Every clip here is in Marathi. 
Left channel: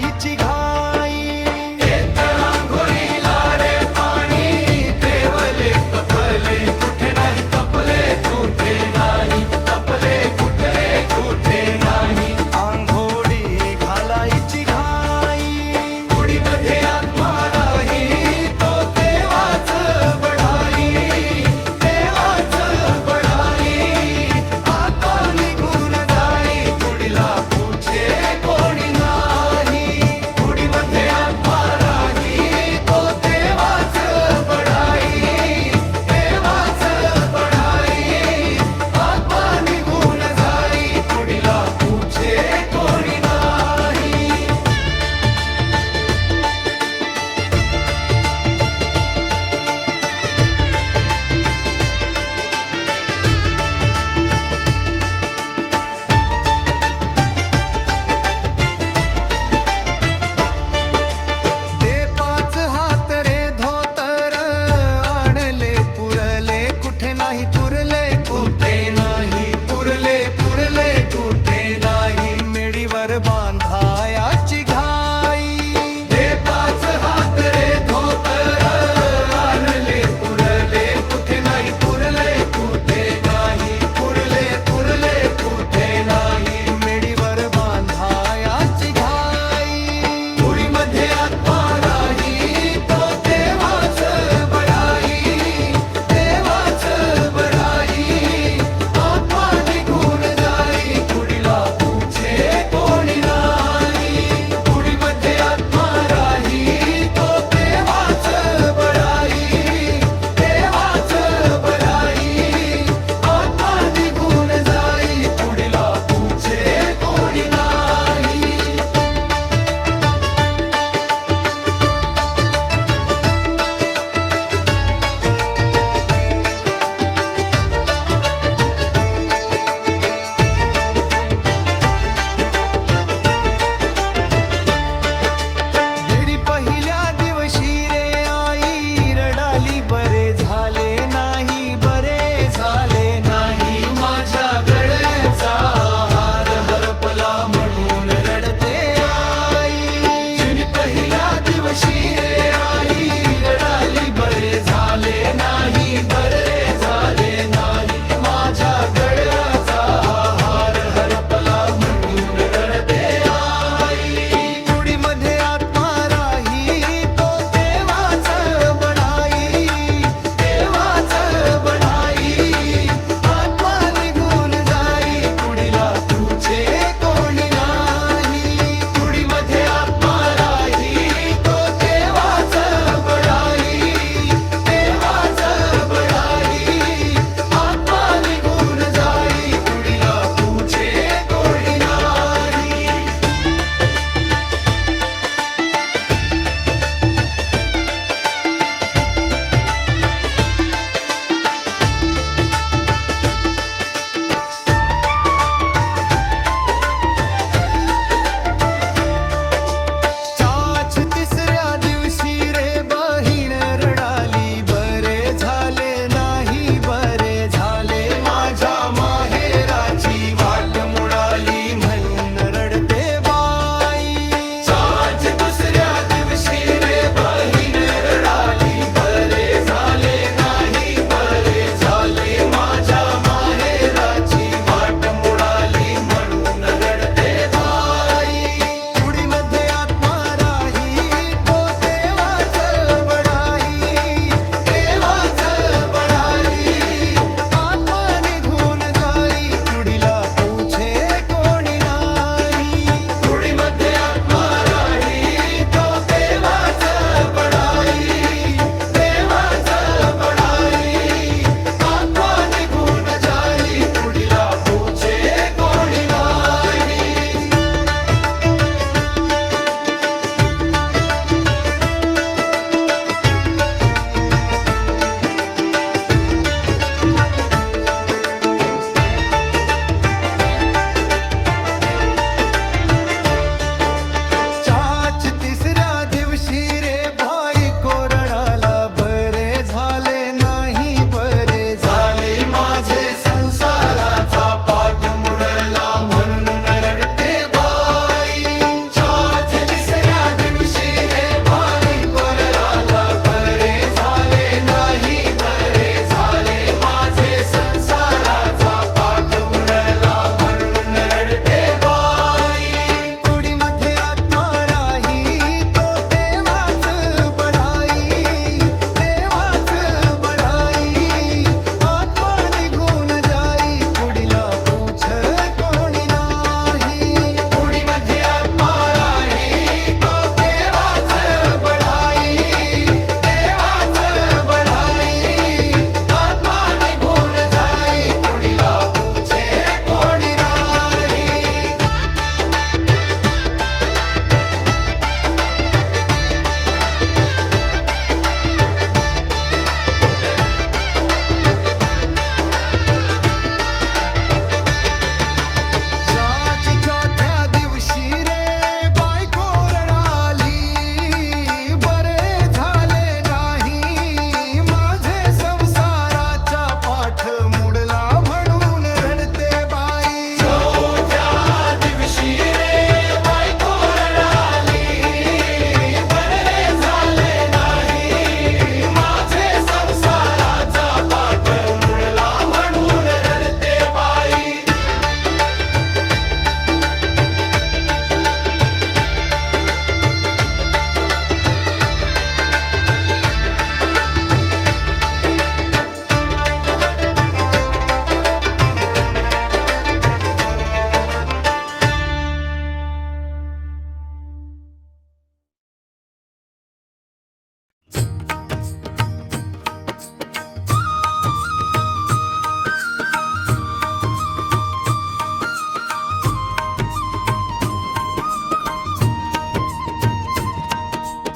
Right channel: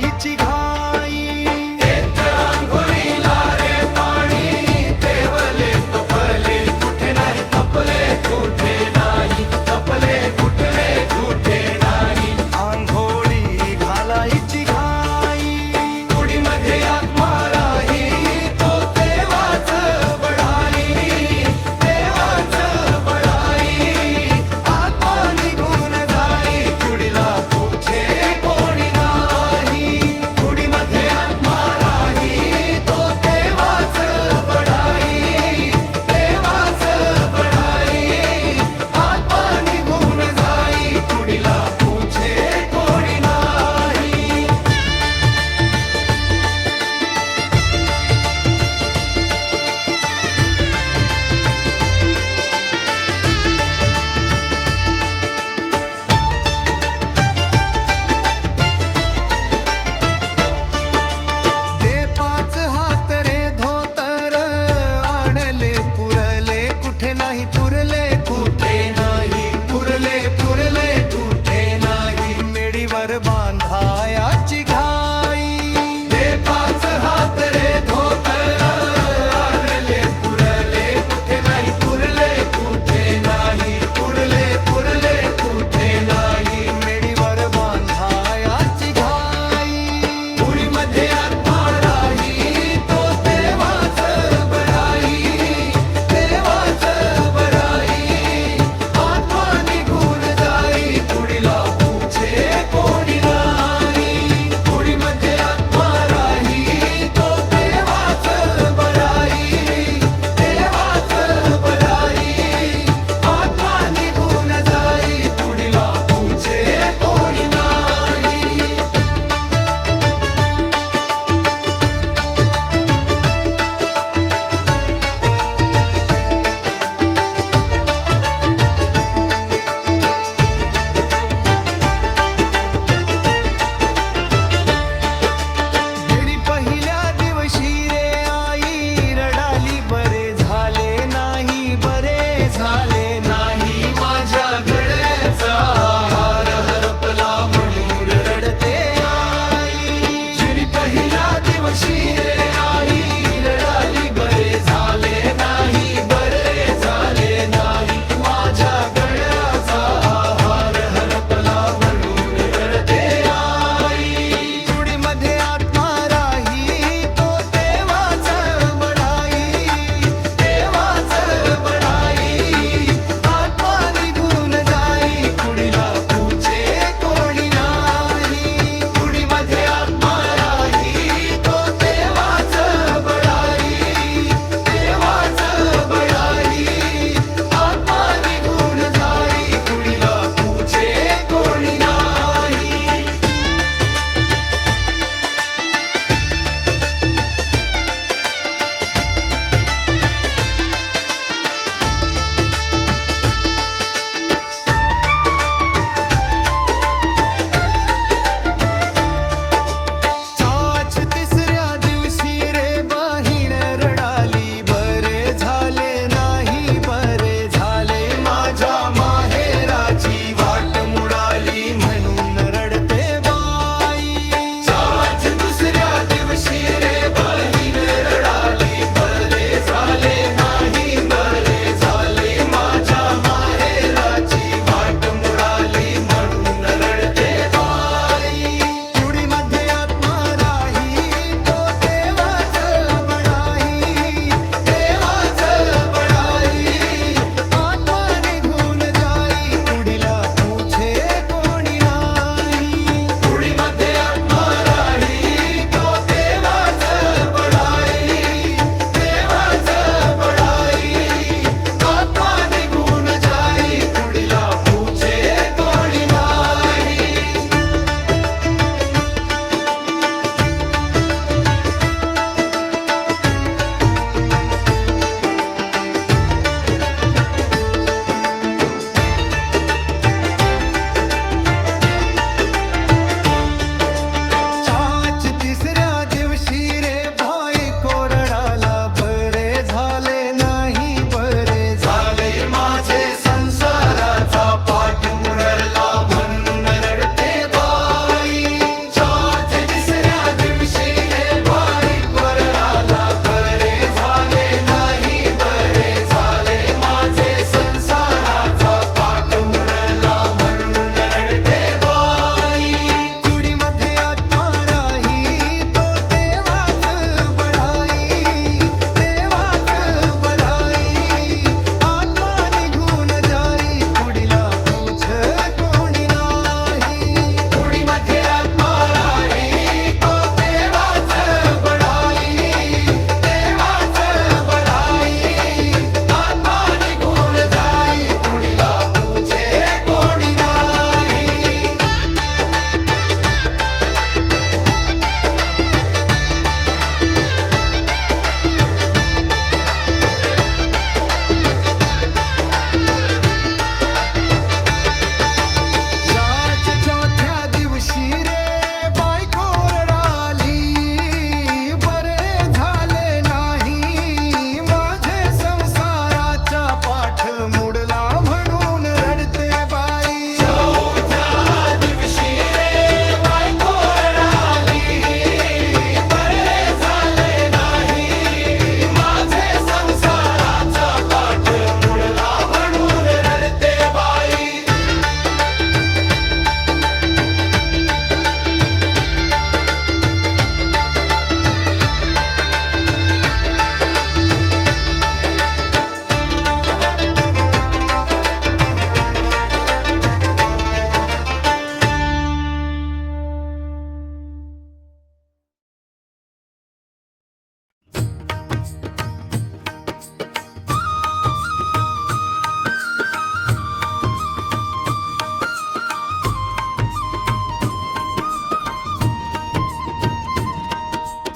घालायची घाई आंघोळी घालायची घाई उडीमध्ये आत्मा राही तो देवाच बढाई देवाच बढाई आत्मा निघून जाई उडीला पूछे कोणी नाही उडीमध्ये आत्मा राही तो देवाच बढाई देवाच बढाई आत्मा निघून जाई उडीला पूछे कोणी नाही दे पाच हात रे धोतर आणले पुरले कुठे नाही पुरले कुठे नाही पुरले पुरले कुठे नाही मेडीवर बांधायाची घाई दे पाच हात रे धोतर आणले पुरले कुठे नाही पुरले कुठे नाही पुरले पुरले कुठे नाही मेडीवर बांधायाची घाई उडीमध्ये आत्मा राही तो देवाच बढाई देवाच बढाई आत्मा निघून जाई उडीला पूछे कोणी नाही उडीमध्ये आत्मा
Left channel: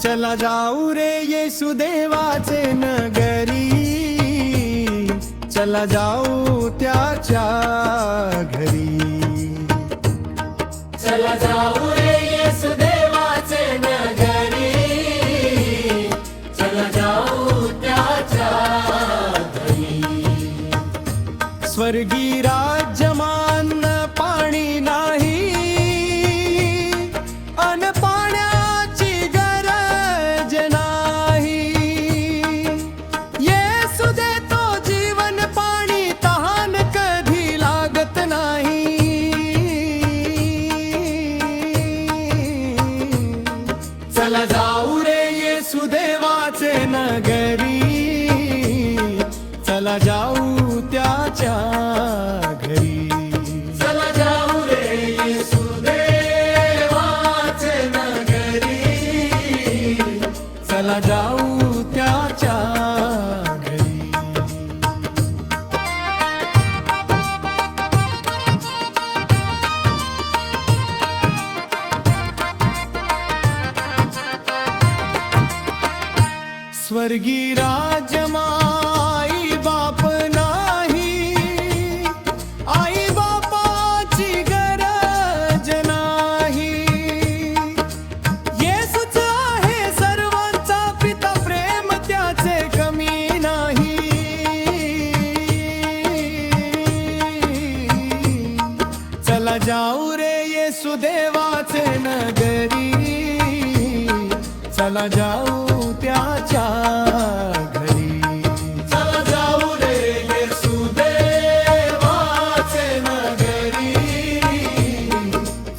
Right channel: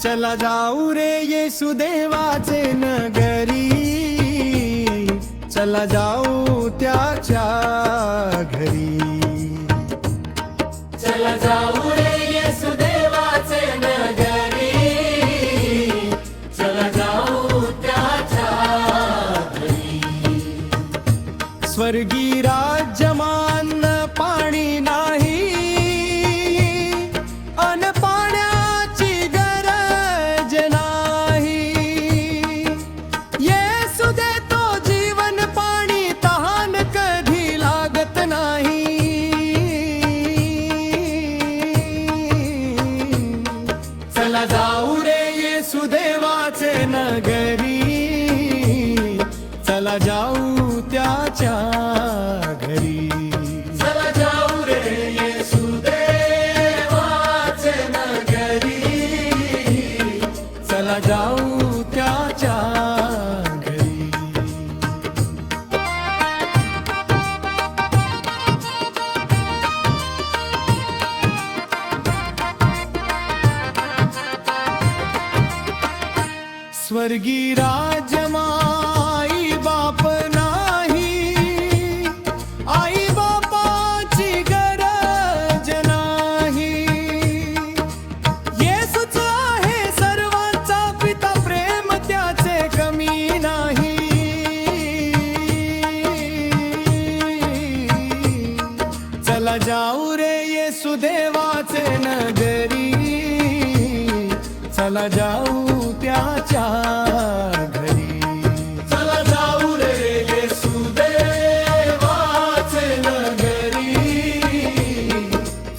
चला जाऊ रे येशुदेवाचे नगरी, चला जाऊ त्याच्या घरी. चला जाऊ रे येशुदेवाचे नगरी, चला जाऊ त्याच्या घरी. स्वर्गी राज्यमान पाणी नाही, अन पाण्याची गरज नाही. येशू देतो जीवन पाणी, तहान कधी लागत नाही. चला जाऊ रे येशुदेवाचे नगरी, चला जाऊ त्याच्या घरी. चला जाऊ रे येशुदेवाचे नगरी, चला जाऊ त्याच्या घरी. स्वर्गी राजमाई बाप नाही, आई बापाची गरज नाही. येशूच आहे सर्वांचा पिता, प्रेम त्याचे कमी नाही. चला जाऊ रे येशुदेवाचे नगरी, चला जाऊ त्याच्या घरी. चला जाऊ रे येशुदेवाचे नगरी,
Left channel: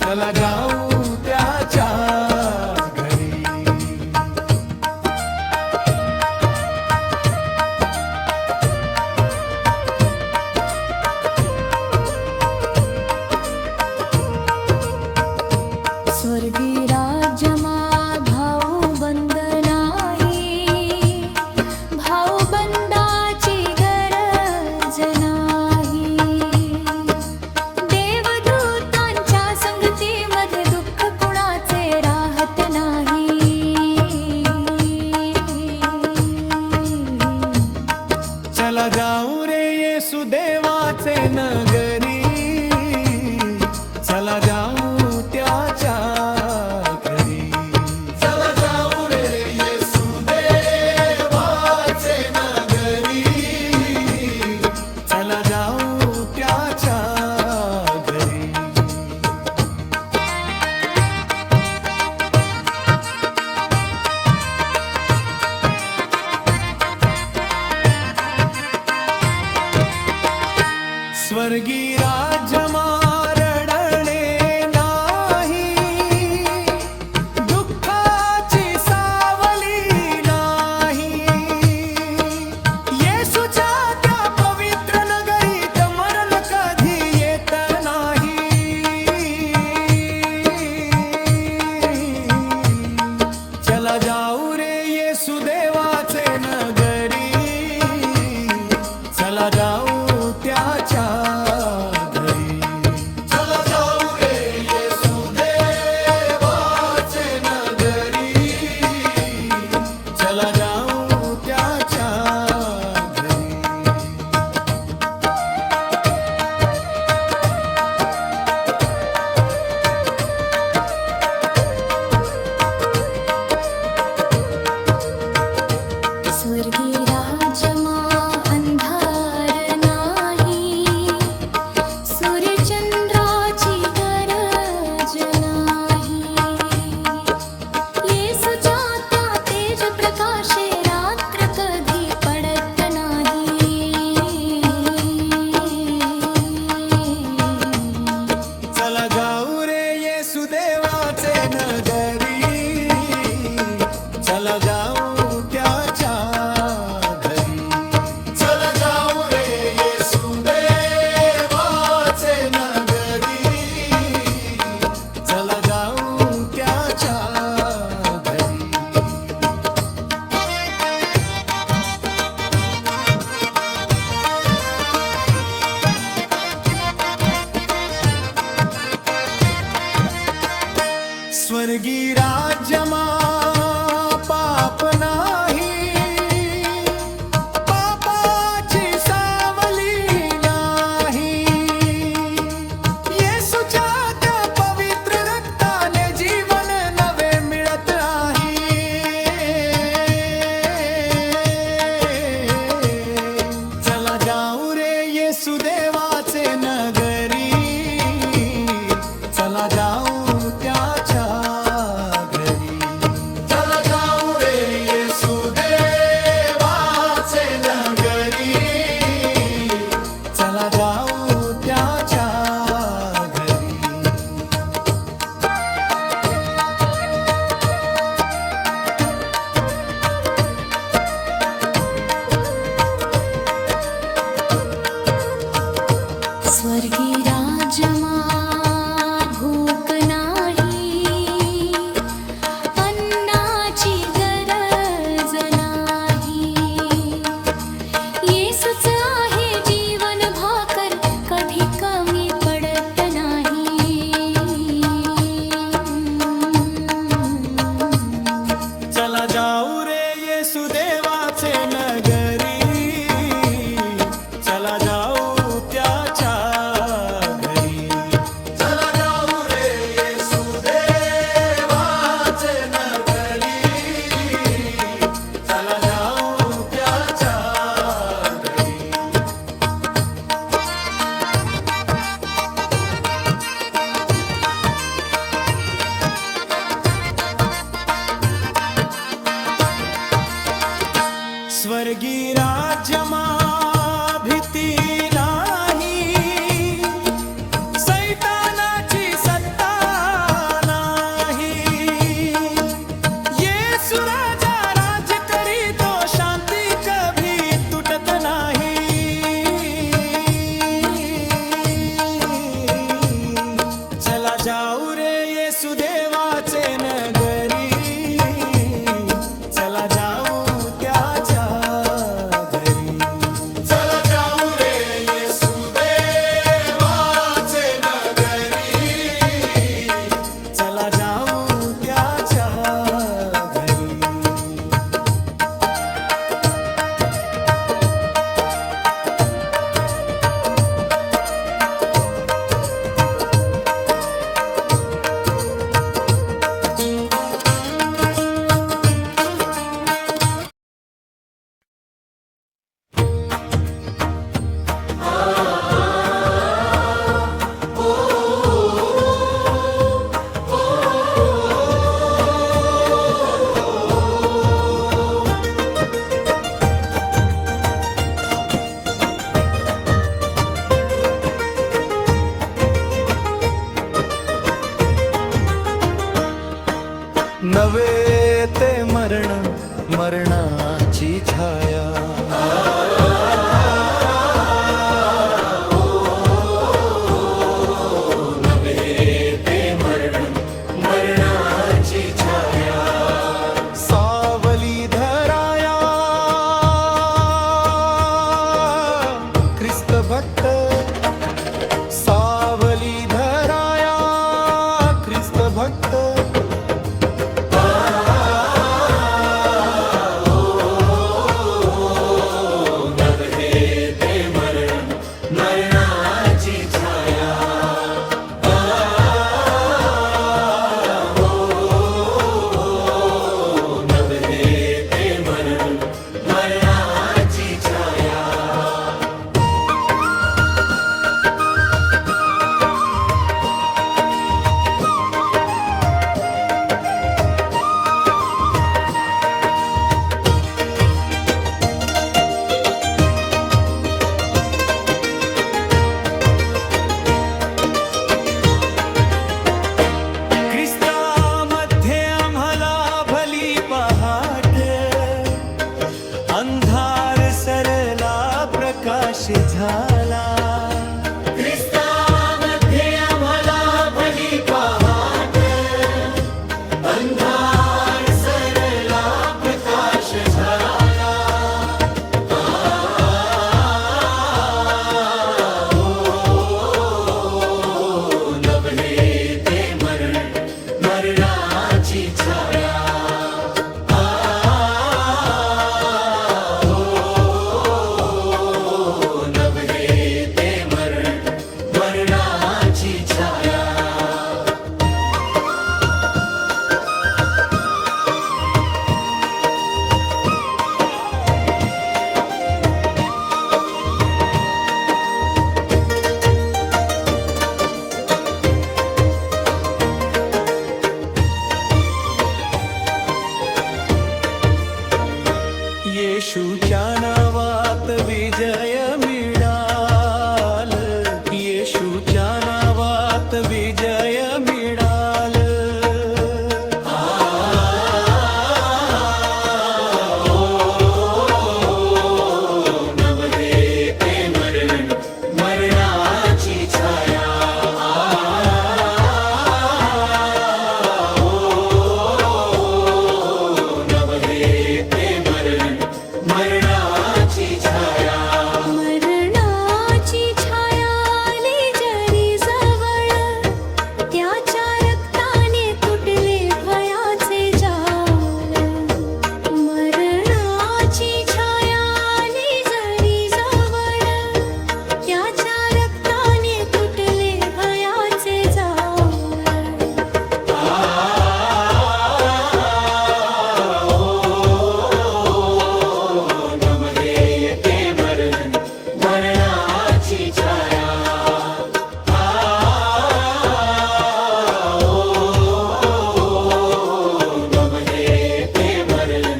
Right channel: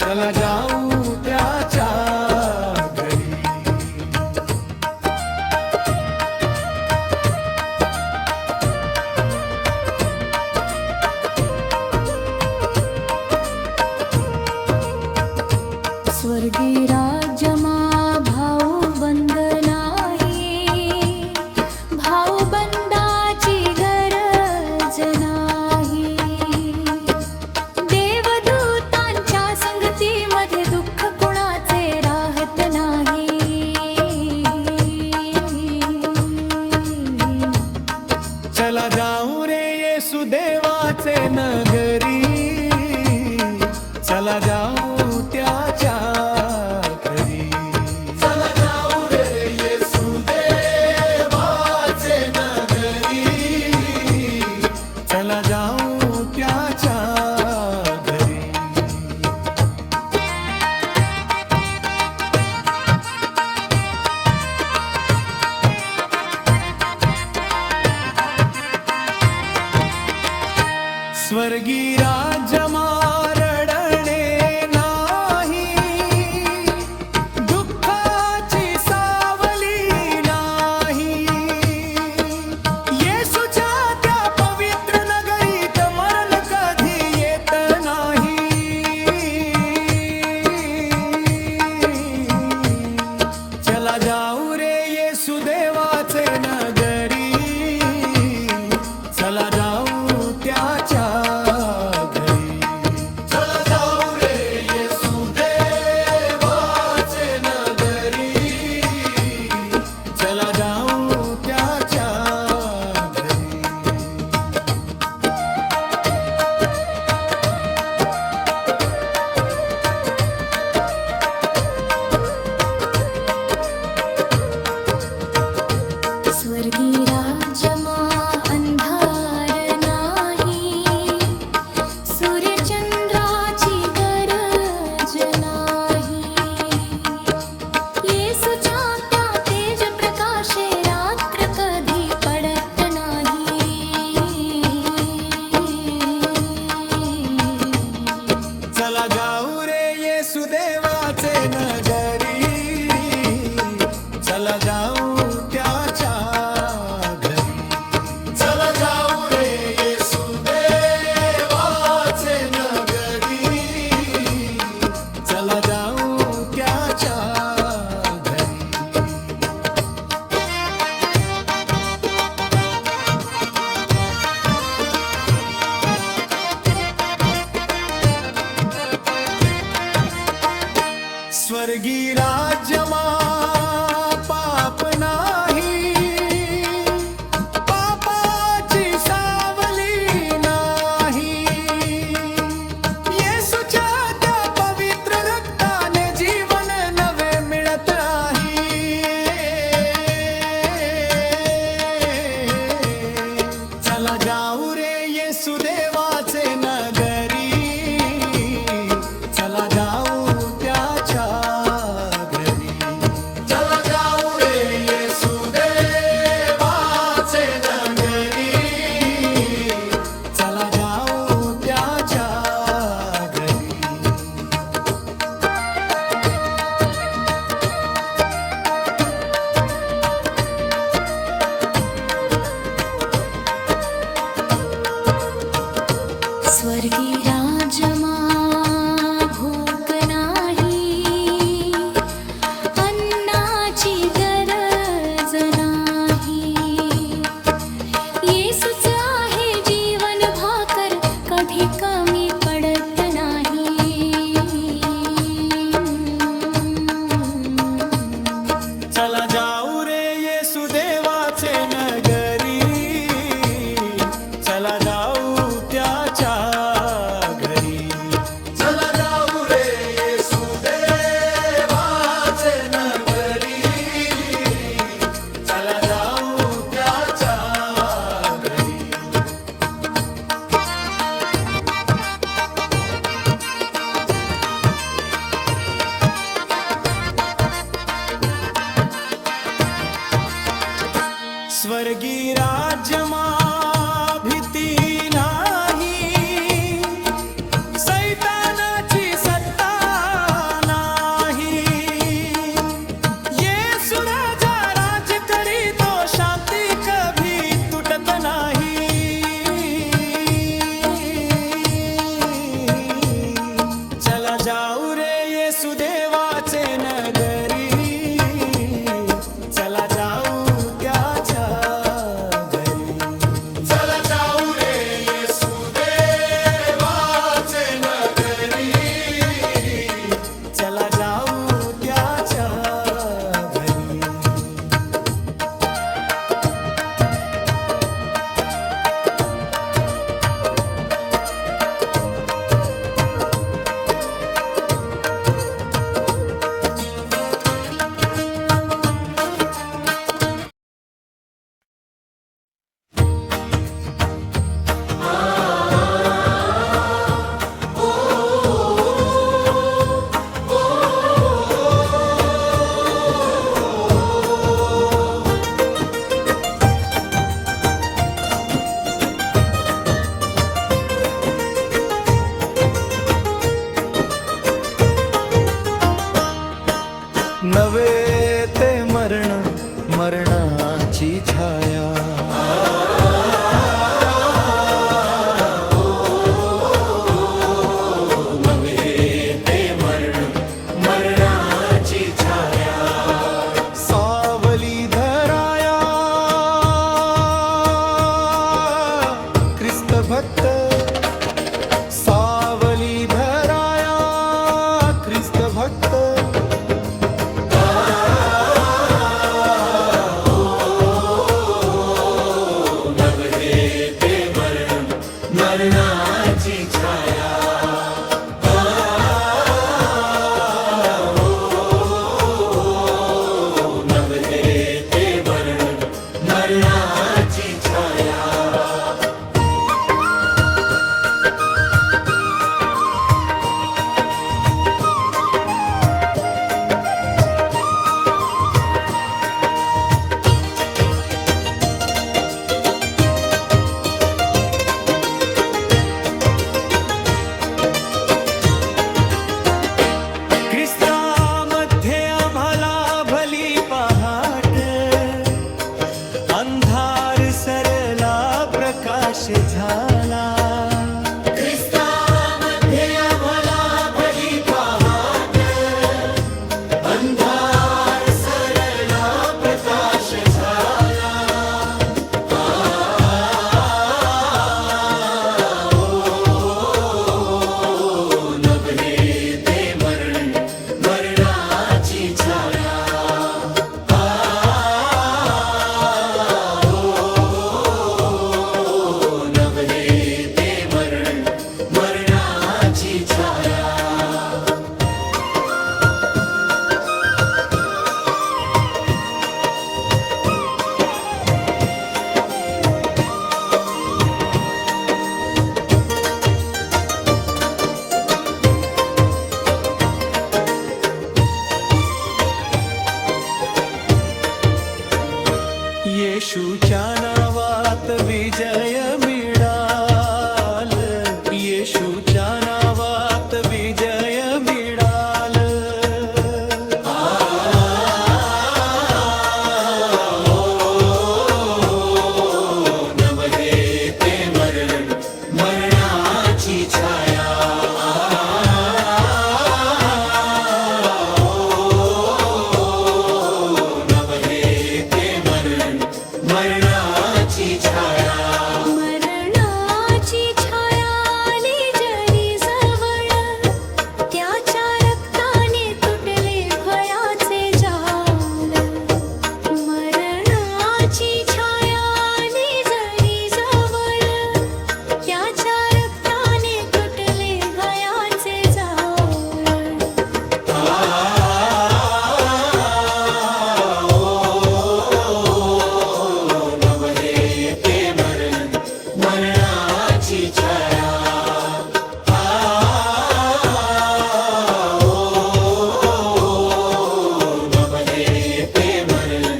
चला जाऊ त्याच्या घरी. स्वर्गी राज्यमा भाऊ बंद नाही, भाऊ बंदाची गरज नाही. देवदूतांच्या संगतीमध्ये दुःख कुणाचे राहत नाही. चला जाऊ रे येशुदेवाचे नगरी, चला जाऊ त्याच्या घरी. चला जाऊ रे येशुदेवाचे नगरी, चला जाऊ त्याच्या घरी. स्वर्गी राज्यमा रडणे नाही, दुःखाची सावली नाही. येशूच्या त्या पवित्र नगरीत मरण कधी येत नाही. चला जाऊ रे येशुदेवाचे नगरी, चला जाऊ त्याच्या घरी. चला जाऊ रे येशुदेवाचे नगरी, चला जाऊ त्याच्या घरी. स्वर्गी राज्यमा अंधार नाही, सूर्यचंद्राची गरज नाही. येशूच्या त्या तेज प्रकाशे रात्र कधी पडत नाही. चला जाऊ रे येशुदेवाचे नगरी, चला जाऊ त्याच्या घरी. चला जाऊ रे येशुदेवाचे नगरी, चला जाऊ त्याच्या घरी. स्वर्गी राज्यमा पाप नाही, पापाची सावली नाही. येशूच्या त्या पवित्र रक्ताने जीवन नवे मिळत आहे. चला जाऊ रे येशू देवाचे नगरी, चला जाऊ त्याच्या घरी. चला जाऊ रे येशू देवाचे नगरी, चला जाऊ त्याच्या घरी. स्वर्गी राजमा भूक नाही, अन्नाची गरज नाही. येसूच आहे जीवन भाकर, कधी कमी पडत नाही. चला जाऊ रे येशू देवाचे नगरी, चला जाऊ त्याच्या घरी. चला जाऊ रे येशू देवाचे नगरी, चला जाऊ त्याच्या घरी. स्वर्गी राज्यमा भीती नाही, सैतानाची सत्ता नाही. येशू राजा राज करीतो, शांती कभी तुटत नाही. चला जाऊ रे येशू देवाचे नगरी, चला जाऊ त्याच्या घरी. चला जाऊ रे येशू देवाचे नगरी, चला जाऊ त्याच्या घरी. नवे ते मरण, मरणाची छाया. नवे ते मरण, मरणाची छाया. सावली धराया ख्रिस्त भक्त, सावली धराया ख्रिस्त भक्त. मरणाची छाया. नवे ते मरण, मरणाची छाया. ख्रिस्तामध्ये आम्हाला भली पहाट, अंधार सरला प्रकाश झाला. ख्रिस्तामध्ये आम्हाला भली पहाट, अंधार सरला प्रकाश झाला. मरणाची छाया. येशूच्या नावात विजय मिळाल, येशूच्या नावात विजय मिळाल. नवहे ते मरण, मरणाची छाया. नवहे ते मरण, मरणाची छाया. मरणाची छाया आली जरी जवळ, त्याच्या रक्ताने तुटले भयाचे जाळ. मरणाची छाया आली जरी जवळ, त्याच्या रक्ताने तुटले भयाचे जाळ. नवहे ते मरण, मरणाची छाया. नवहे ते मरण,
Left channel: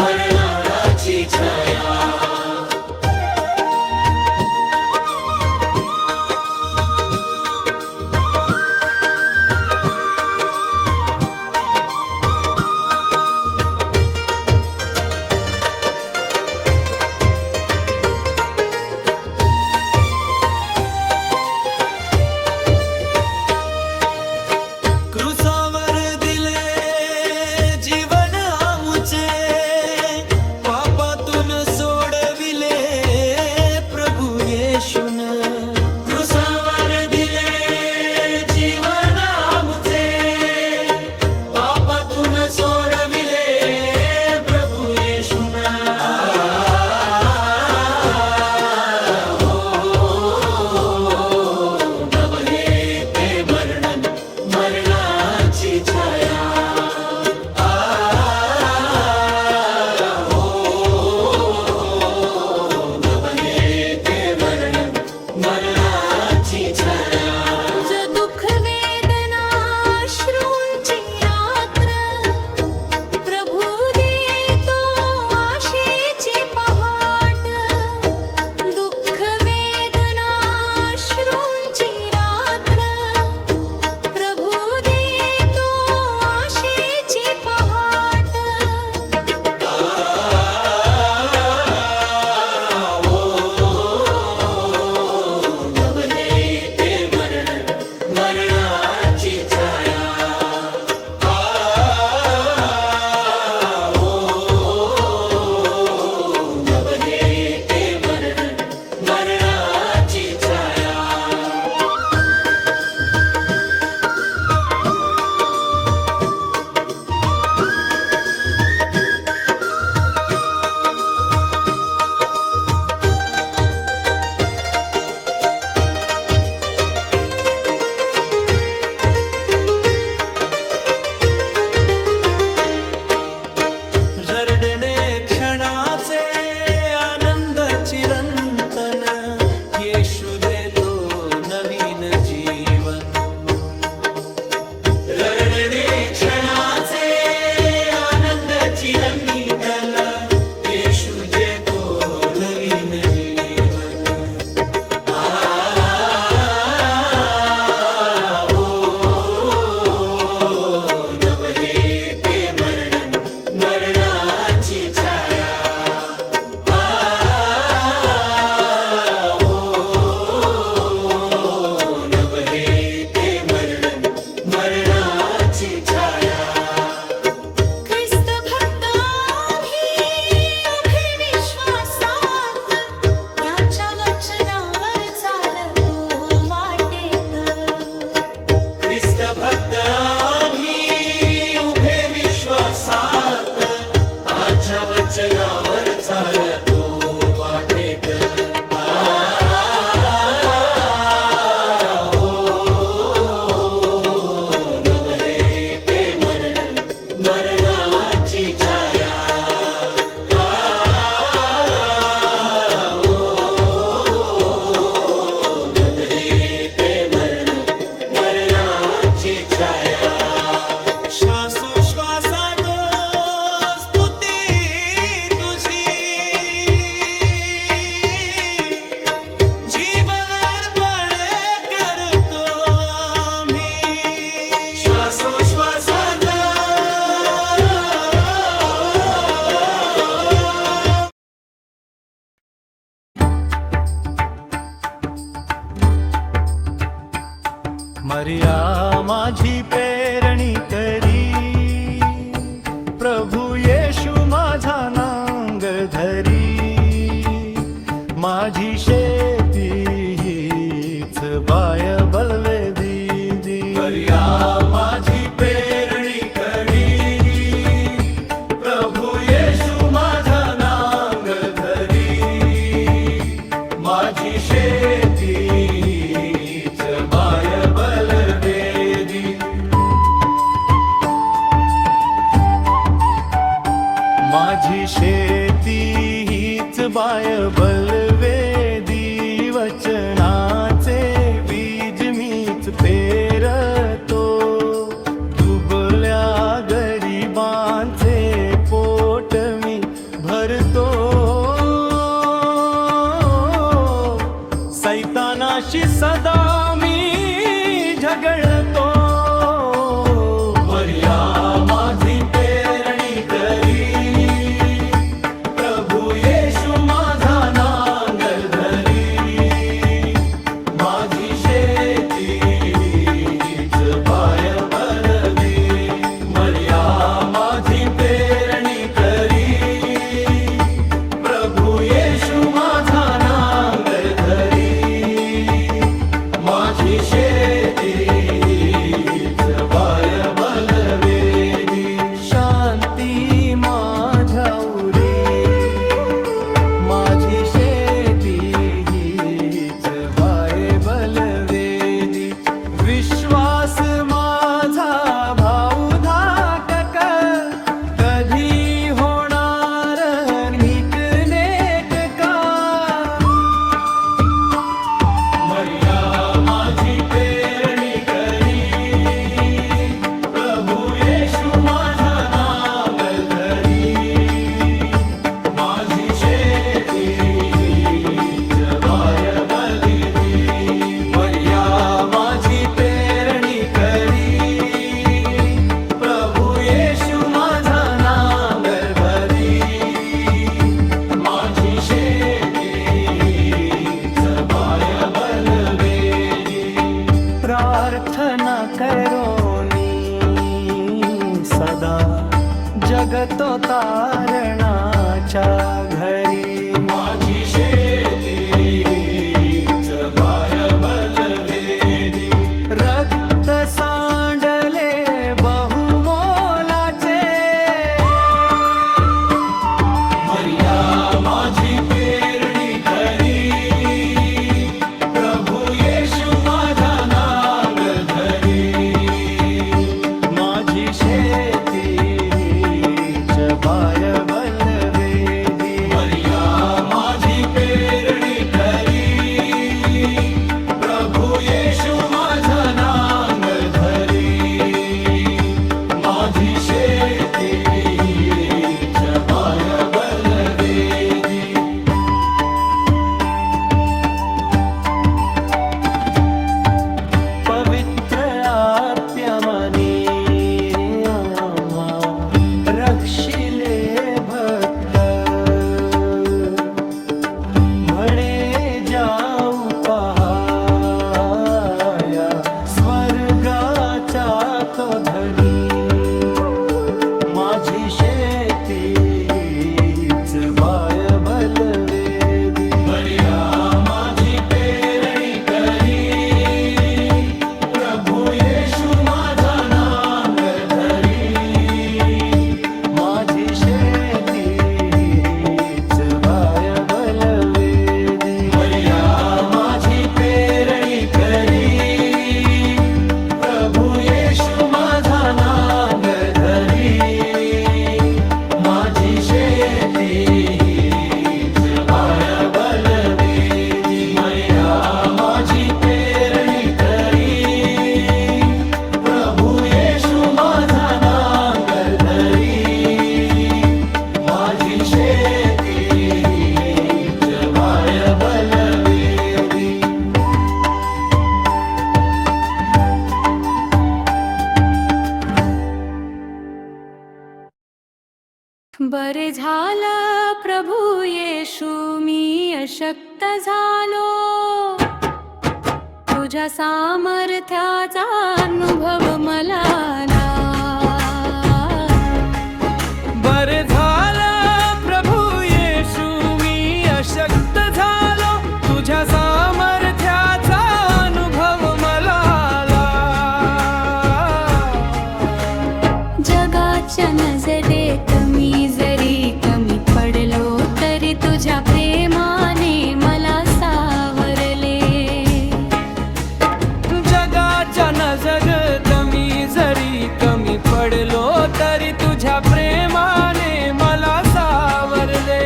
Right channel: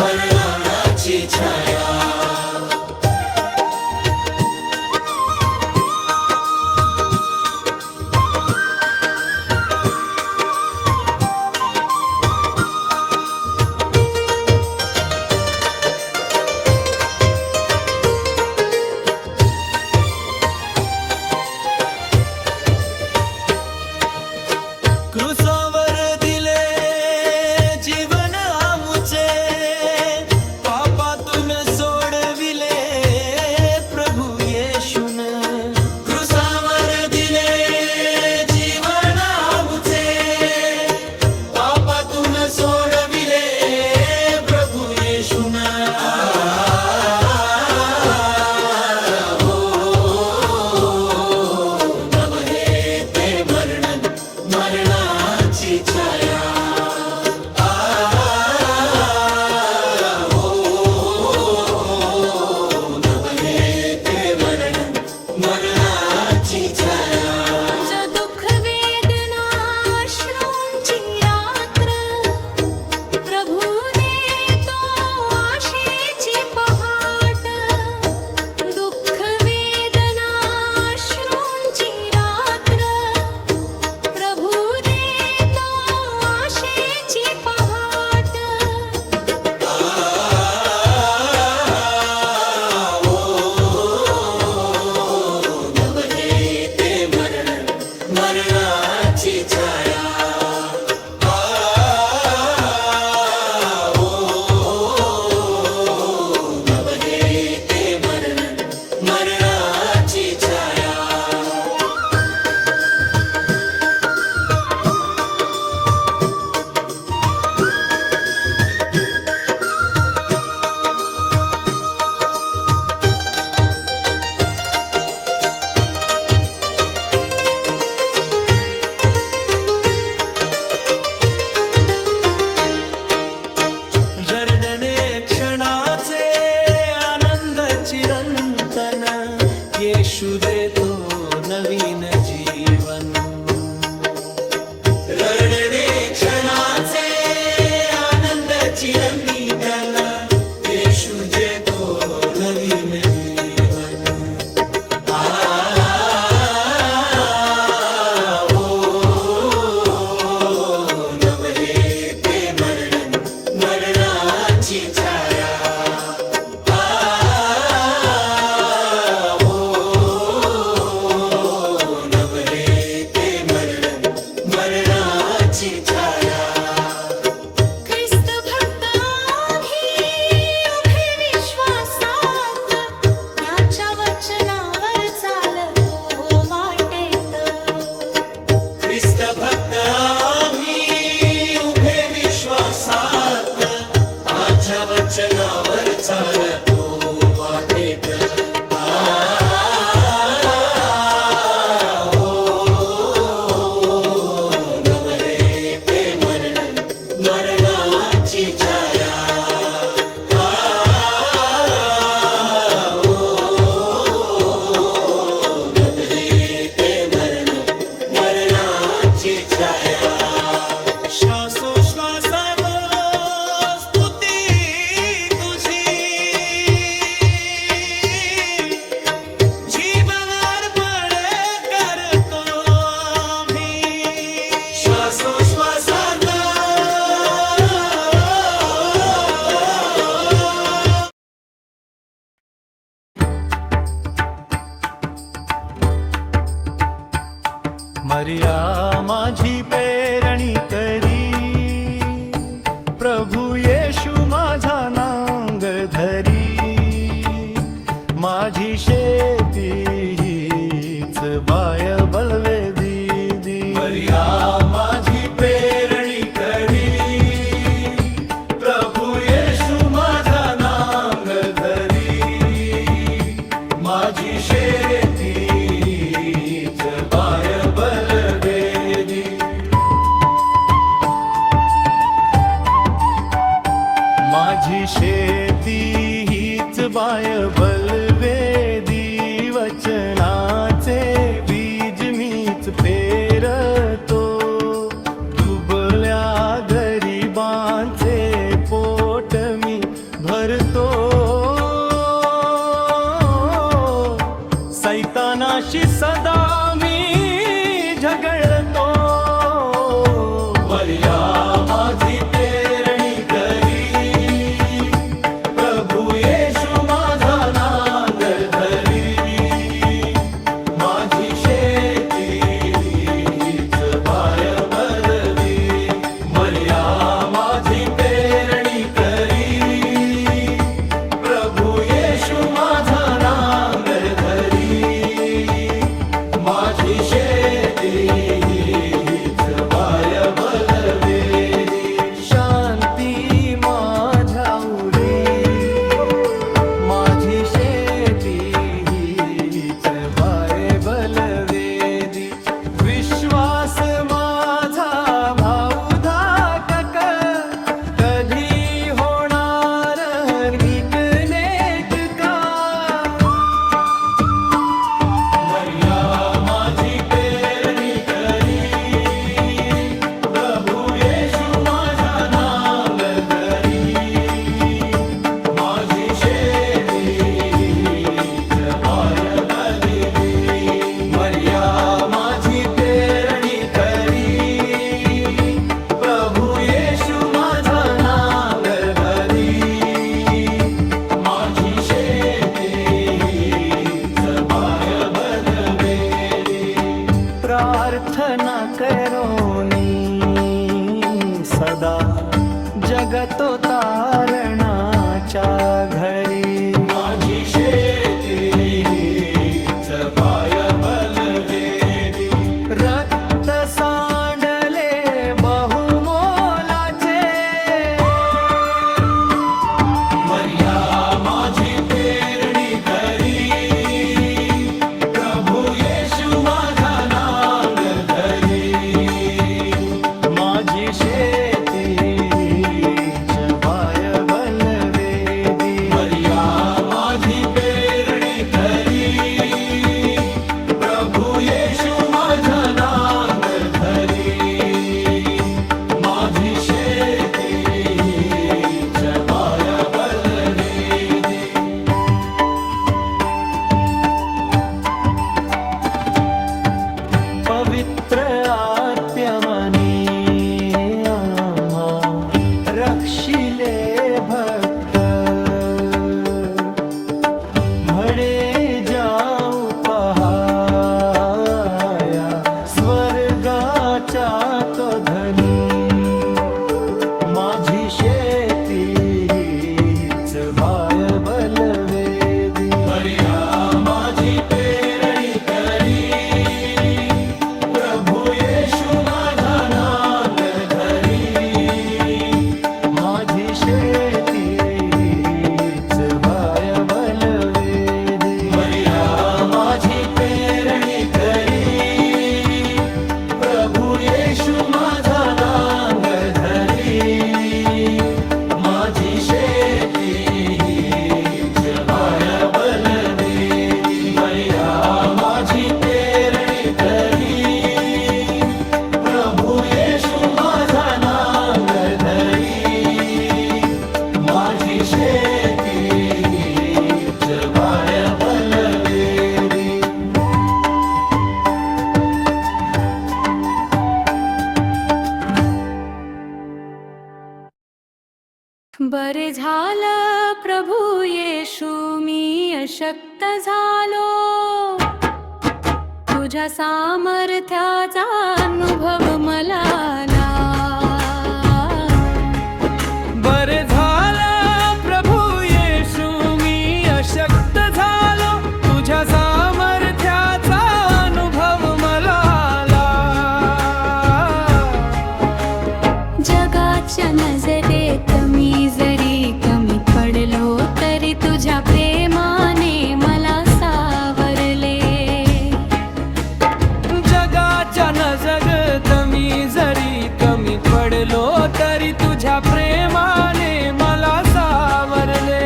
मरणाची छाया. क्रूसावर दिले जीवन आमुचे, पापातून सोडविले प्रभू येशून. क्रूसावर दिले जीवन आमुचे, पापातून सोडविले प्रभू येशून. नवहे ते मरण, मरणाची छाया. नवहे ते मरण, मरणाची छाया. जो दुःख वेदना अश्रूंची रात्र, प्रभू देतो आशेची पहाट. दुःख वेदना अश्रूंची रात्र, प्रभू देतो आशेची पहाट. नवहे ते मरण, मरणाची छाया. नवहे ते मरण, मरणाची छाया. रडणे क्षणाचे आनंद चिरंतन, येशू देतो नवीन जीवन. रडणे क्षणाचे आनंद चिरंतन, येशू देतो नवीन जीवन. नवहे ते मरण, मरणाची छाया. नवहे ते मरण, मरणाची छाया. ख्रिस्त भक्त आम्ही उभे विश्वासात, त्याच्या वचनावर चालतो वाटेत. ख्रिस्त भक्त आम्ही उभे विश्वासात, आमच्या वचनावर चालतो वाटेत. नवहे ते मरण, मरणाची छाया. नवहे ते मरण, मरणाची छाया. श्वासोश्वासात स्तुती तुझी, मारिया माझी पेरणी करी, प्रभू येशू माझा नांगर धरी, माझी शेती हीच बाय बलवेदी. मारिया माझी पेरणी करी, प्रभू येशू माझा नांगर धरी, माझी शेती हीच बाय बलवेदी. माझी शेती हीच बाय बलवेदी, वचनाचे बीज मीच पेरतो, दुबळ्या गरिबांचे पोट मी भरतो, सैतानाशी सदा मी झगडतो. मर्या माझी पेरणी करी, प्रभू येशू माझा नांगर धरी, माझी शेती हीच बाय बलदी. मर्या माझी पेरणी करी, प्रभू येशू माझा नांगर धरी, माझी शेती हीच बाय बलवेदी. शांती माझ्या उरी, माझी शेती हीच बाय बलवेदी. विश्वास माझा भाऊ धाकक, कधी होणार नीट नेटका. मर्या माझी पेरणी करी, प्रभू येशू माझा नांगर धरी, माझी शेती हीच बाय बलदी. मर्या माझी पेरणी करी, प्रभू येशू माझा नांगर धरी, माझी शेती हीच बाय बलवेदी. प्रार्थना करोनी सदा जगतो तारणाच्या घरी, माझी शेती हीच बाय बलवेदी. रक्त सांडले बहुमोलाचे, मर्या माझी पेरणी करी, प्रभू येशू माझा नांगर धरी, माझी शेती हीच बाय बलवेदी. मर्या माझी पेरणी करी, प्रभू येशू माझा नांगर धरी, माझी शेती हीच बाय बलवेदी. पवित्र आत्म्यामनी आम्हा रक्षिले भक्त, म्हणे जाऊ पहाया स्वर्गाचा तो धनी, माझी शेती हीच बाय बलवेदी. मर्या माझी पेरणी करी, प्रभू येशू माझा नांगर धरी, माझी शेती हीच बाय बलवेदी. मर्या माझी पेरणी करी, प्रभू येशू माझा नांगर धरी, माझी शेती हीच बाय बलवेदी. मर्या माझी पेरणी करी, प्रभू येशू माझा नांगर धरी, माझी शेती हीच बाय बलवेदी. बरे झालं प्रभू येशू मी अशक्त झालो, तुझ्या सामर्थ्याचा अनुभव मला आला. बरे झालं प्रभू येशू मी अशक्त झालो, तुझ्या सामर्थ्याचा अनुभव मला आला. जगाच्या नजरेत मी जरी कमी पडलो तरी तुझ्या प्रेमाने मला सावरले. जगाच्या नजरेत मी जरी कमी पडलो तरी तुझ्या प्रेमाने मला सावरले.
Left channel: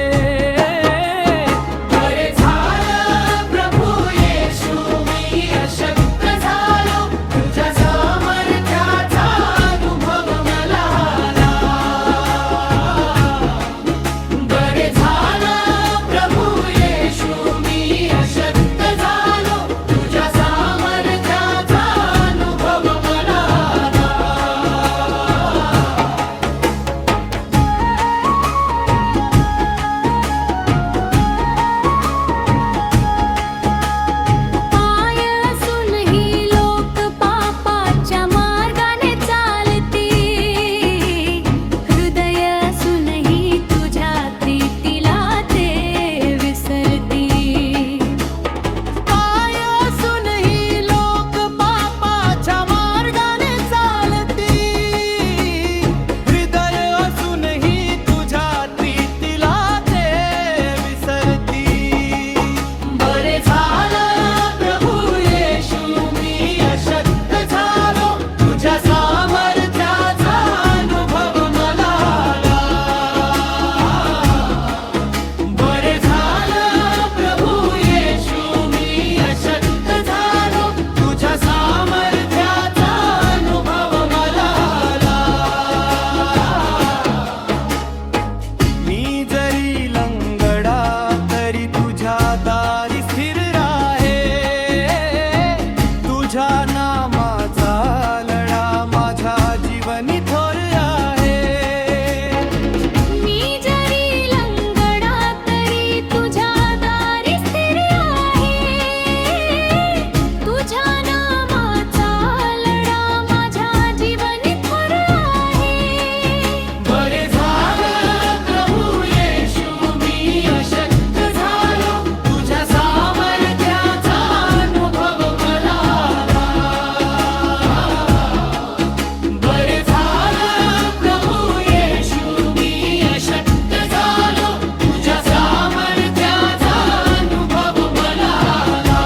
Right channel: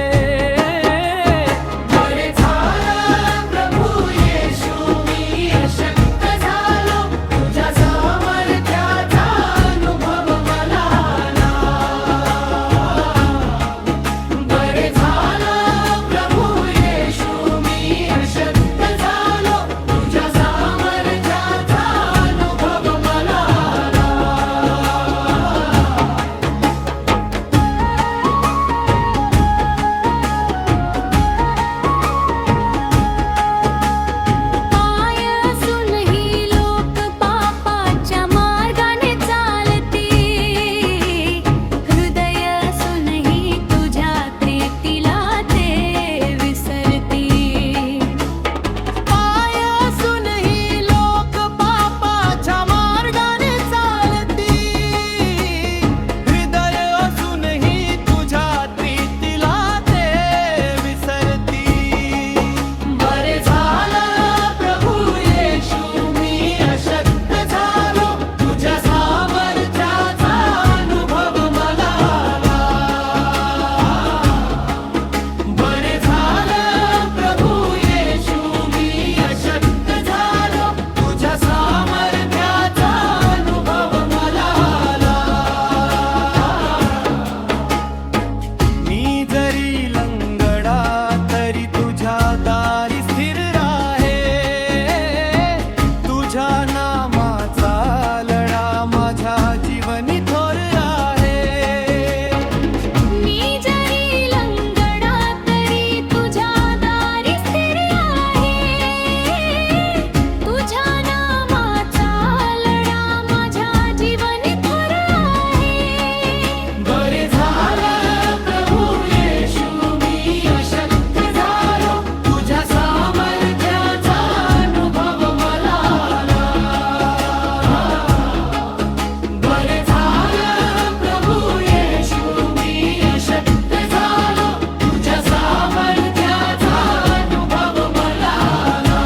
बरे झालं प्रभू येशू मी अशक्त झालो, तुझ्या सामर्थ्याचा अनुभव मला आला. बरे झालं प्रभू येशू मी अशक्त झालो, तुझ्या सामर्थ्याचा अनुभव मला आला. पाय असूनही लोक पापाच्या मार्गाने चालती, हृदय असूनही तुझ्या प्रीतीला ते विसरती. पाय असूनही लोक पापाच्या मार्गाने चालती, हृदय असूनही तुझ्या प्रीतीला ते विसरती. बरे झालं प्रभू येशू मी अशक्त झालो, तुझ्या सामर्थ्याचा अनुभव मला आला. बरे झालं प्रभू येशू मी अशक्त झालो, तुझ्या सामर्थ्याचा अनुभव मला आला. मी जरी लंगडा तरी तुझ्या दारी स्थिर राहे, तुझ्या नामाचा लढा माझ्या जीवनी थोर आहे. मी जरी लंगडा तरी तुझ्या दारी स्थिर आहे, तुझ्या नामाचा लढा माझ्या जीवनी थोर आहे. बरे झालं प्रभू येशू मी अशक्त झालो, तुझ्या सामर्थ्याचा अनुभव मला आला. बरे झालं प्रभू येशू मी अशक्त झालो, तुझ्या सामर्थ्याचा अनुभव मला आला.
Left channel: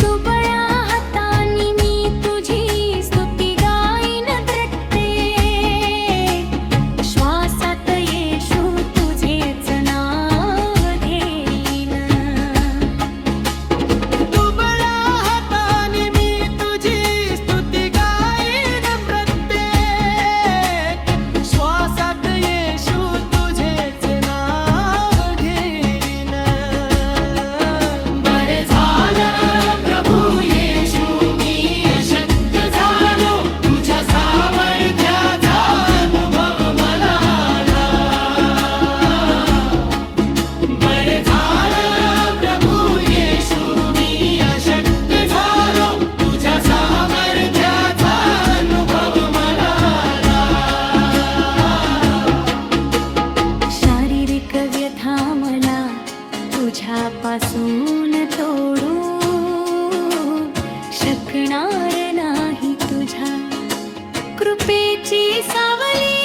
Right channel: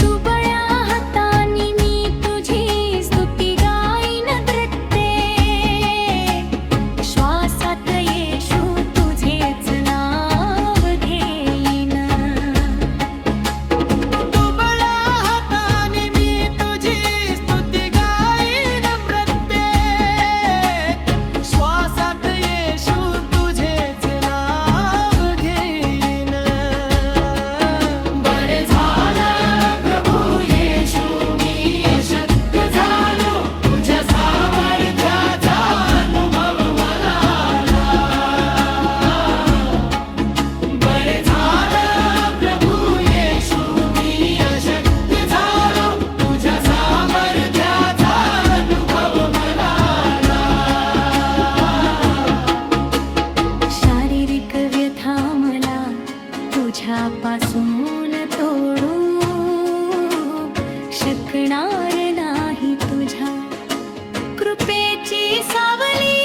दुबळ्या हातांनी मी तुझी स्तुती गाईन नृत्ये, श्वासात येशू तुझेच नाव घेईन. दुबळ्या हातांनी मी तुझी स्तुती गाईन प्रत्येक श्वासात येशू तुझेच नाव घेईन. बरे झालं प्रभू येशू मी अशक्त झालो, तुझ्या सामर्थ्याचा अनुभव मला आला. बरे झालं प्रभू येशू मी अशक्त झालो, तुझ्या सामर्थ्याचा अनुभव मला आला. शारीरिक व्यथा मला तुझ्यापासून तोडू शकणार नाही. तुझ्या कृपेची सावली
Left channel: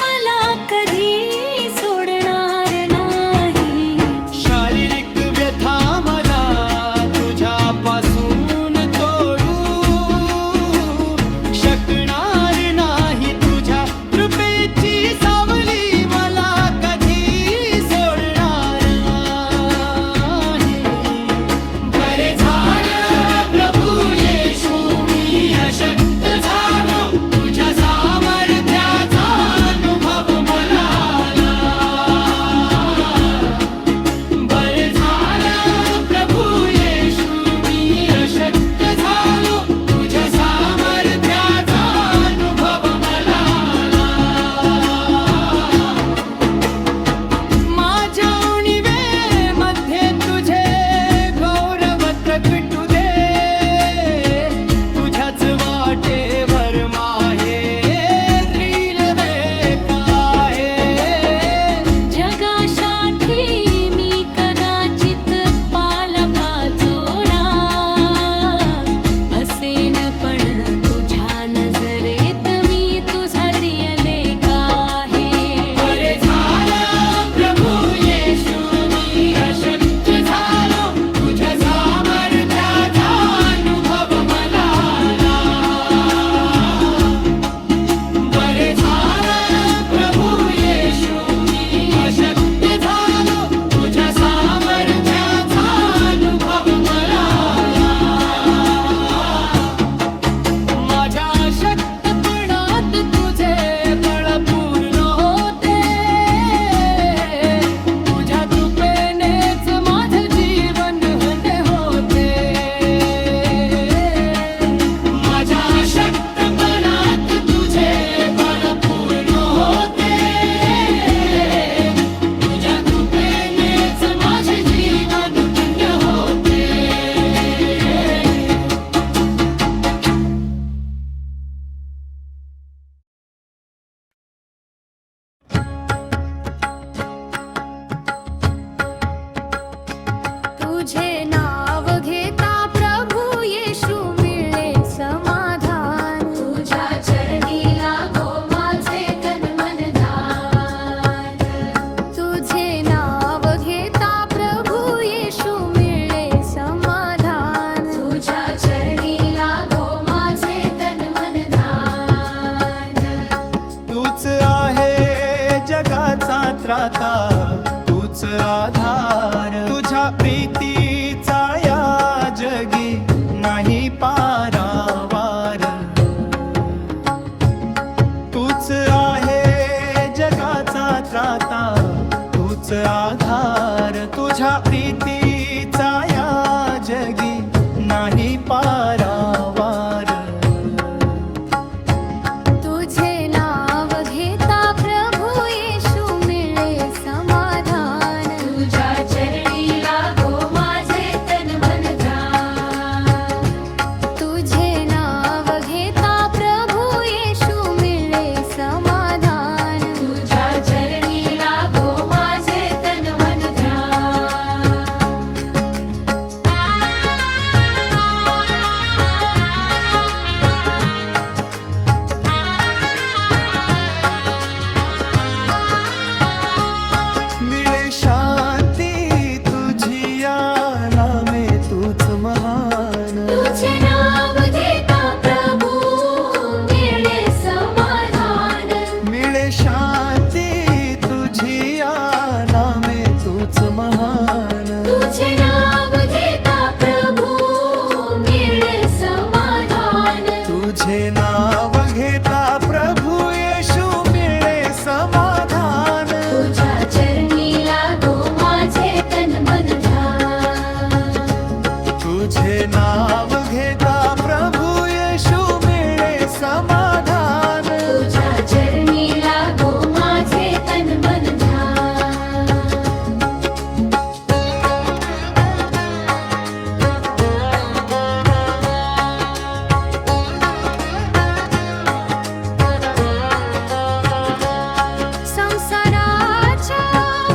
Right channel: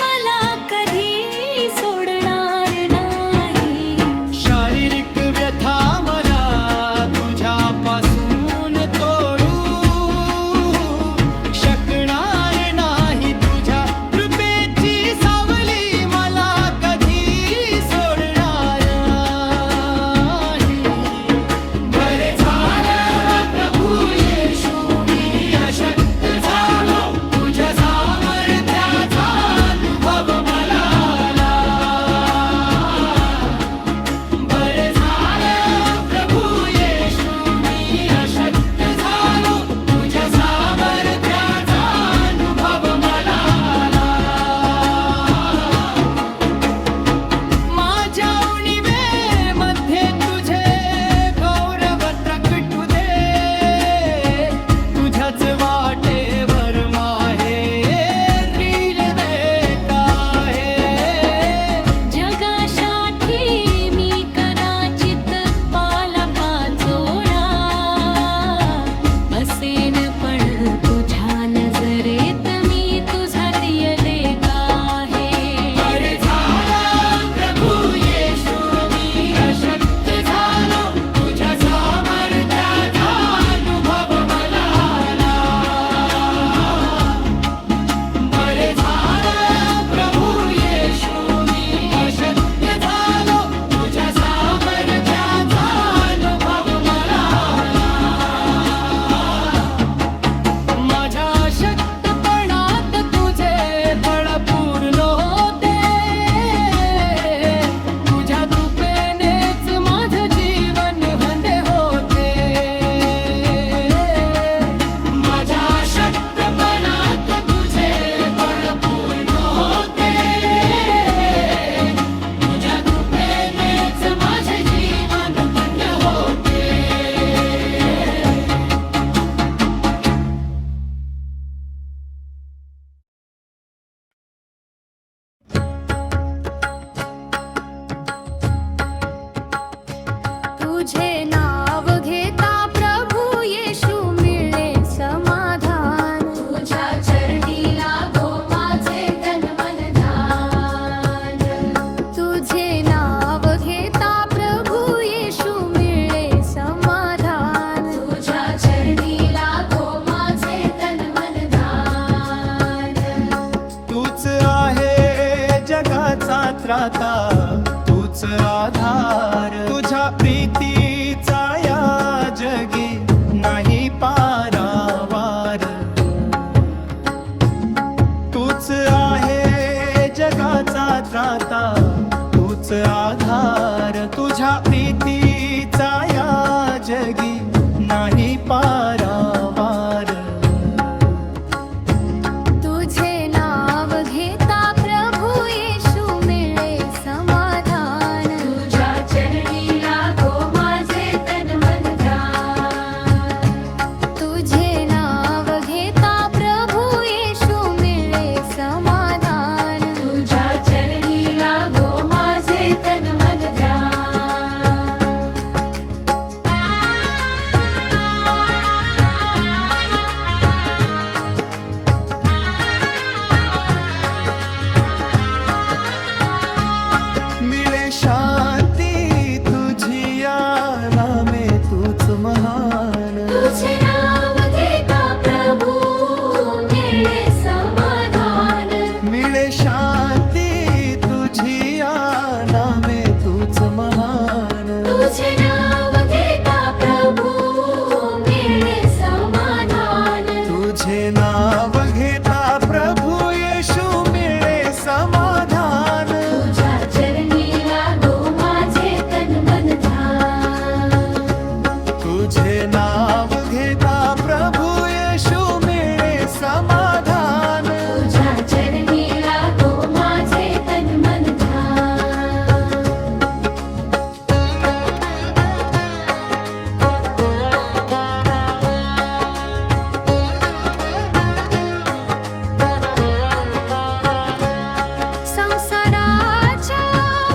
मला कधी सोडणार नाही. शारीरिक व्यथा मला तुझ्यापासून तोडू शकणार नाही. तुझ्या कृपेची सावली मला कधी सोडणार नाही. बरे झालं प्रभू येशू मी अशक्त झालो, तुझ्या सामर्थ्याचा वाटेवर माहेरी नव्हे काहे. जगासाठी मी कदाचित पाला पाचोळा असेन, पण तुझ्या नजरेत मी तुझा प्रिय लेक आहे. बरे झालं प्रभू येशू मी अशक्त झालो, तुझ्या सामर्थ्याचा अनुभव मला आला. बरे झालं प्रभू येशू मी अशक्त झालो, तुझ्या सामर्थ्याचा अनुभव मला आला. माझ्या अशक्तपणात तुझे बळ पूर्ण होते, तुझ्या कृपेनेच माझे जीवन हंदे होते. माझ्या अशक्तपणात तुझे बळ पूर्ण होते, तुझ्या कृपेनेच माझे जीवन धन्य होते. तुझे नाव घेता प्रभू येशू मिळे समाधान. तुझ्या चरणी लागो माझे तन मन ध्यान. तुझे नाव घेता प्रभू येशू मिळे समाधान. तुझ्या चरणी लागो माझे तन मन ध्यान. तूच आहे जगाचा त्राता, तूच आधार, तुझ्या प्रीतीचा या जगी नाही पारावार. तूच आहे जगाचा त्राता, तूच आधार, तुझ्या प्रीतीचा या जगी नाही पारावार. तुझे नाव घेता प्रभू येशू मिळे समाधान. तुझ्या चरणी लागो माझे तन मन ध्यान. तुझे नाव घेता प्रभू येशू मिळे समाधान. तुझ्या चरणी लागो माझे तन मन ध्यान. मिळे शांती तुझी या नामे, तूच महान. तुझे नाव घेता प्रभू मिळे समाधान. मिळे शांती तुझी या नामे, तूच महान. तुझे नाव घेता प्रभू मिळे समाधान. तुझे नाव घेता प्रभू येशू मिळे समाधान. तुझ्या चरणी लागो माझे तन मन ध्यान. तुझे नाव घेता प्रभू येशू मिळे समाधान. तुझ्या चरणी लागो माझे तन मन ध्यान. संसाराच्या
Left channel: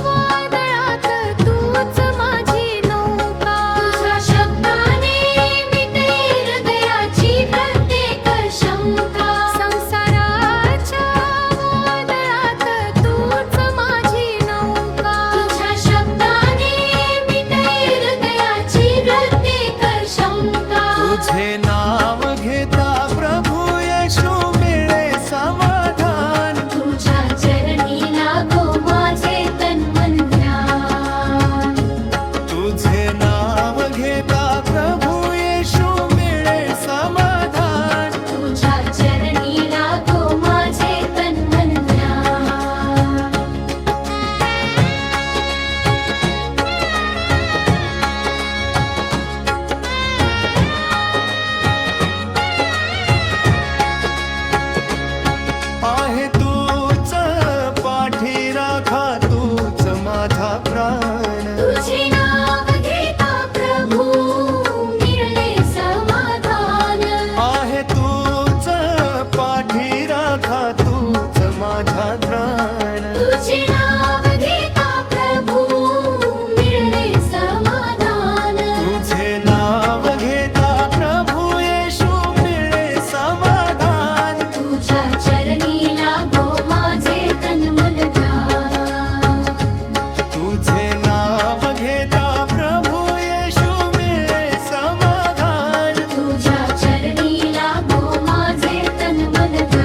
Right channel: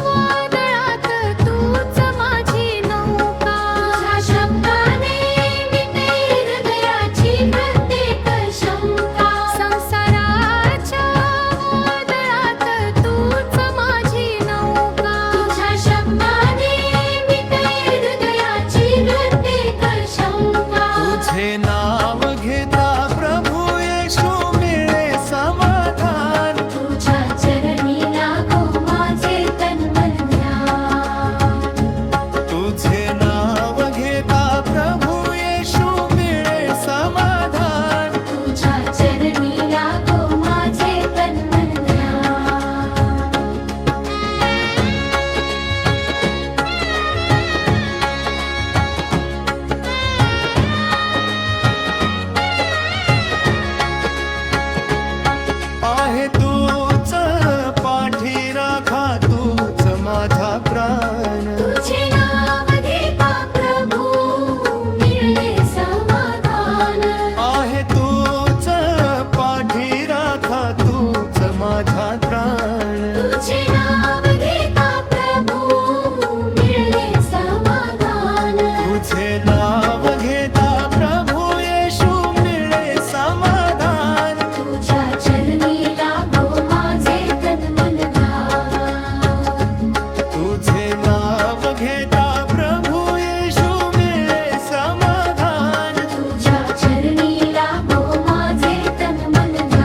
वादळात तूच माझी नौका. तुझ्या शब्दाने मिटे हृदयाची प्रत्येक शंका. संसाराच्या वादळात तूच माझी नौका. तुझ्या शब्दाने मिटे हृदयाची प्रत्येक शंका. तुझे नाव घेता प्रभू येशू मिळे समाधान. तुझ्या चरणी लागो माझे तन मन ध्यान. तुझे नाव घेता प्रभू येशू मिळे समाधान. तुझ्या चरणी लागो माझे तन मन ध्यान. आहे तूच पाठी राखा, तूच माझा प्राण. तुझे नाव घेता प्रभू मिळले समाधान. आहे तू सुखी राखा तूच माझा प्राण. तुझे नाव घेता प्रभू मिळले समाधान. तुझे नाव घेता प्रभू येशू मिळे समाधान. तुझ्या चरणी लागो माझे तन मन ध्यान. तुझे नाव घेता प्रभू येशू मिळे समाधान. तुझ्या चरणी लागो माझे तन मन ध्यान.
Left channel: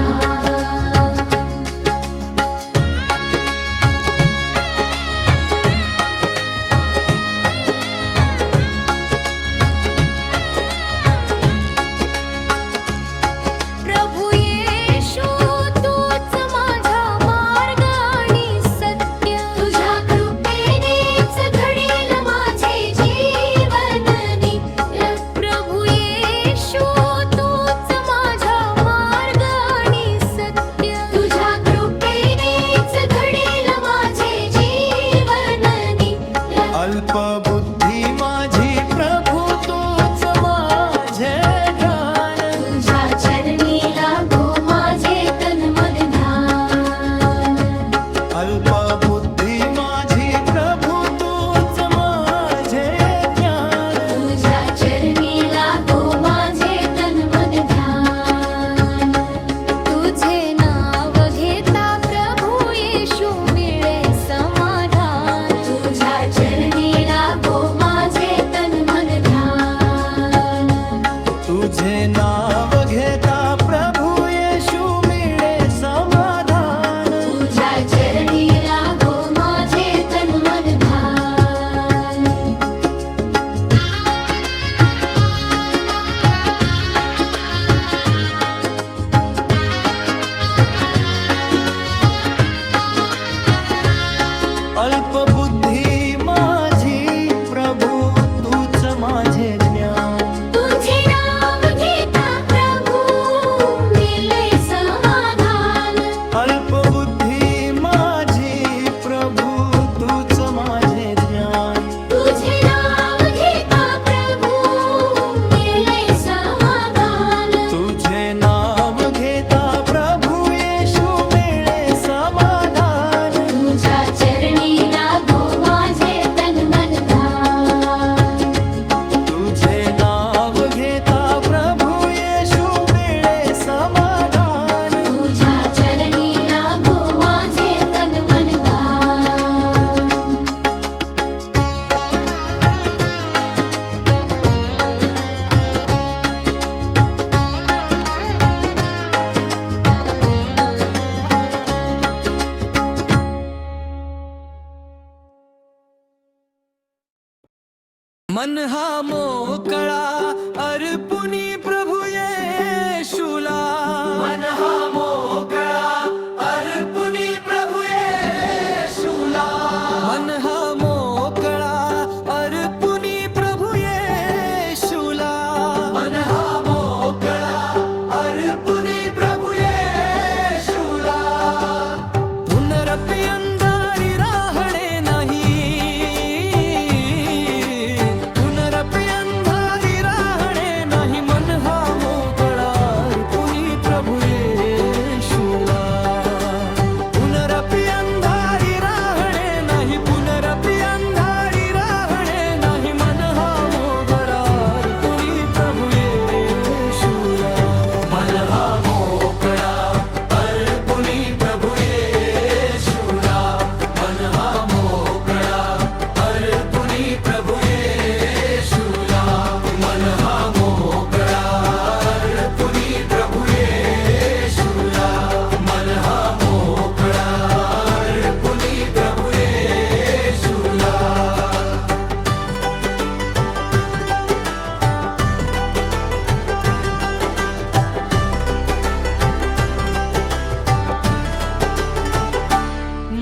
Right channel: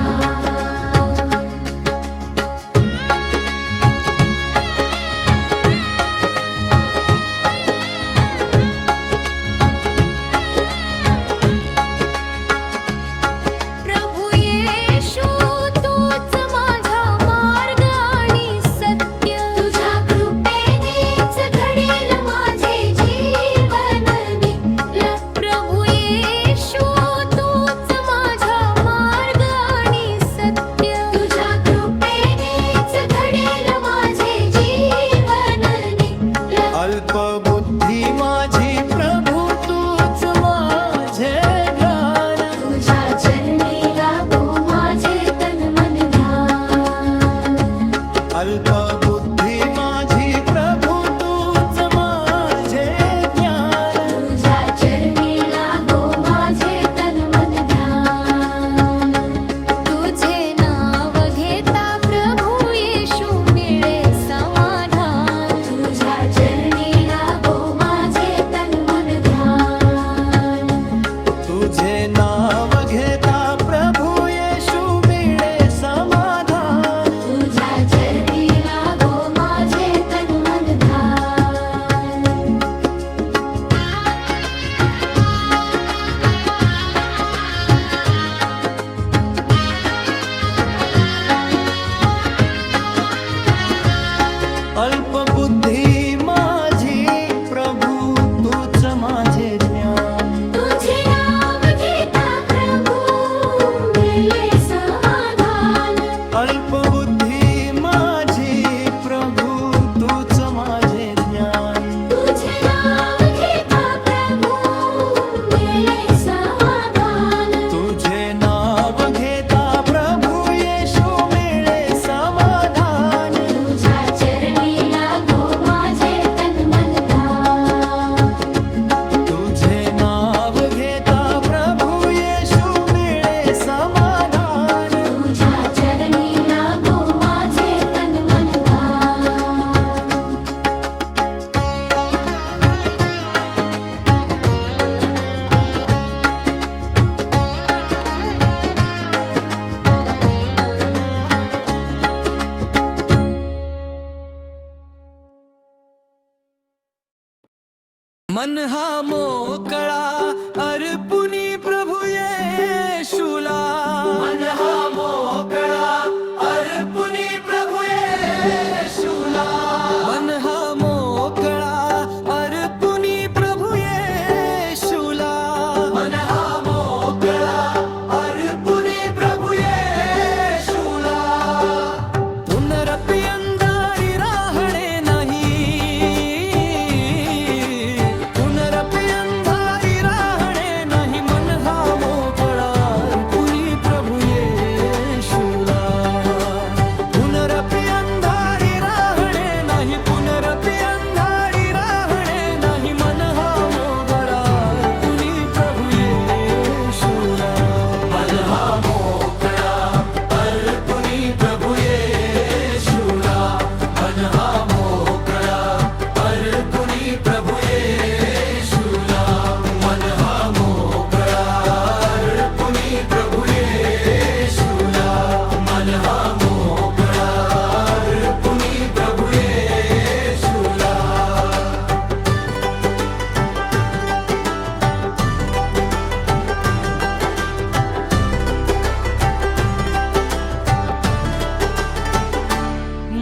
प्रभू येशू तूच माझा मार्ग आणि सत्य. तुझ्या कृपेनेच घडेल माझे जीवन नित्य. प्रभू येशू तूच माझा मार्ग आणि सत्य. तुझ्या कृपेनेच घडेल माझे जीवन नित्य. अल्पबुद्धी माझी प्रभू तूच माझे ध्यान. तुझ्या चरणी लागो माझे तन मन ध्यान. अल्पबुद्धी माझी प्रभू तूच माझे ज्ञान. तुझ्या चरणी लागो माझे तन मन ध्यान. तुझे नाव घेता प्रभू येशू मिळे समाधान. तुझ्या चरणी लागो माझे तन मन ध्यान. तुझे नाव घेता प्रभू येशू मिळे समाधान. तुझ्या चरणी लागो माझे तन मन ध्यान. अल्पबुद्धी माझी प्रभू तूच माझे ज्ञान. तुझे नाव घेता प्रभू मिळे समाधान. अल्पबुद्धी माझी प्रभू तूच माझे ज्ञान. तुझे नाव घेता प्रभू मिळे समाधान. तुझे नाव घेता प्रभू येशू मिळे समाधान. तुझ्या चरणी लागो माझे तन मन ध्यान. तुझे नाव घेता प्रभू येशू मिळे समाधान. तुझ्या चरणी लागो माझे तन मन ध्यान. मन हा मोकळा अर्पुनी प्रभू येशूला. मन हा मोकळा अर्पुनी प्रभू येशूला. मन हा मोकळा अर्पुनी प्रभू येशूला. मन हा मोकळा अर्पुनी प्रभू येशूला. पुनरपि अंधारी राहणे नाही. पुनरपि अंधारी राहणे नाही. मन हा मोकळा अर्पुनी प्रभू येशूला. पुनरपि अंधारी राहणे नाही. पुनरपि अंधारी राहणे नाही. मन हा मोकळा अर्पुनी प्रभू येशूला. मन हा मोकळा अर्पुनी प्रभू येशूला. मन हा मोकळा अर्पुनी प्रभू येशूला. मन हा मोकळा अर्पुनी प्रभू येशूला. मन हा मोकळा अर्पुनी प्रभू येशूला.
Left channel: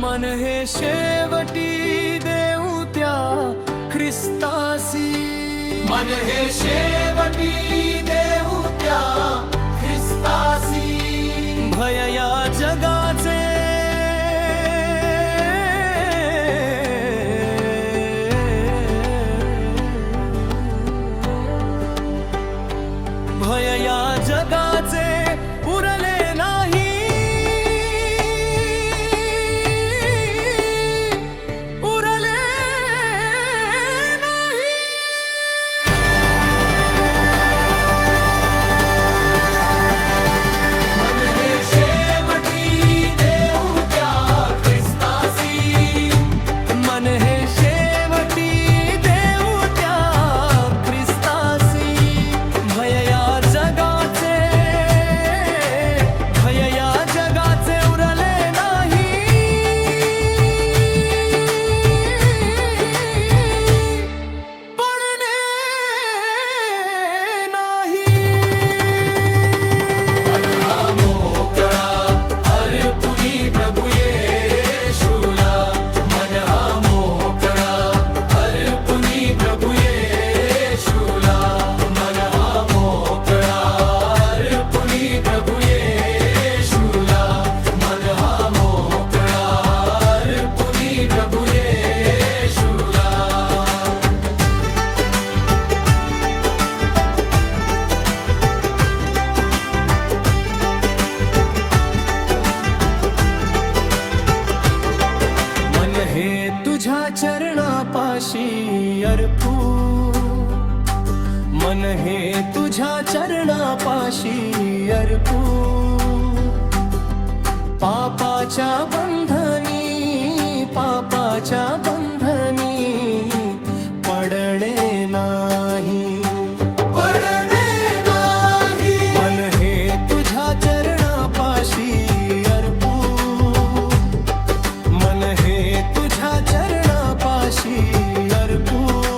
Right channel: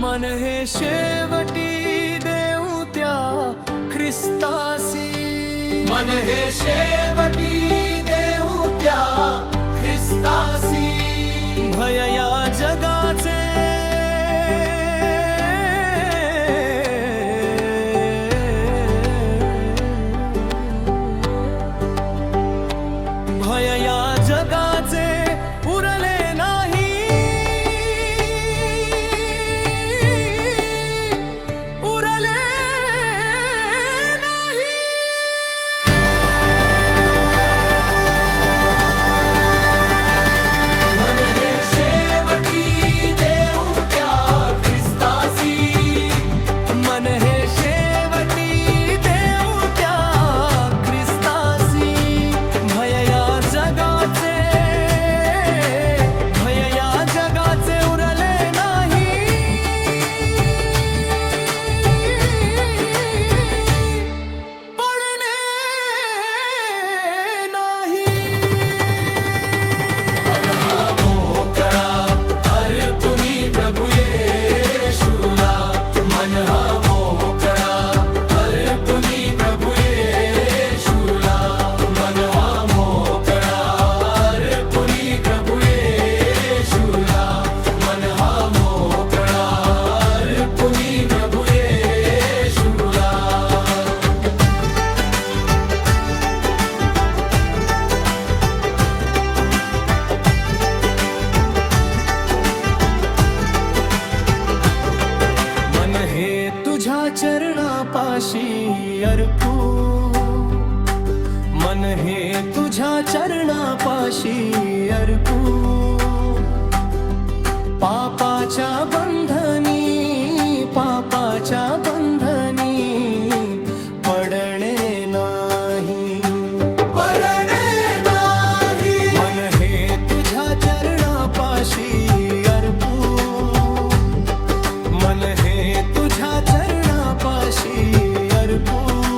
मन हे शेवटी देऊ त्या ख्रिस्तासी. मन हे शेवटी देऊ त्या ख्रिस्तासी. भय या जगाचे भय या जगा जगाचे उरले नाही, उरले नाही. मन हे शेवटी देऊ त्या ख्रिस्तासी, मन हे शेवटी देऊ त्या ख्रिस्तासी. भय या जगाचे, भय या जगाचे उरले नाही, पडणे नाही. मन हा मोकळा अर्पुनी प्रभू येशूला, मन हा मोकळा अर्पुनी प्रभू येशूला, मन हा मोकळा अर्पुनी प्रभू येशूला, मन हा मोकळा अर्पुनी प्रभू येशूला. मन हे तुझ्या चरणापाशी अर्पू, मन हे तुझ्या चरणापाशी अर्पू. पापाच्या बंधनी, पापाच्या बंधनी पडणे नाही, पडणे नाही. मन हे तुझ्या चरणापाशी अर्पू, मन हे तुझ्या चरणापाशी अर्पू.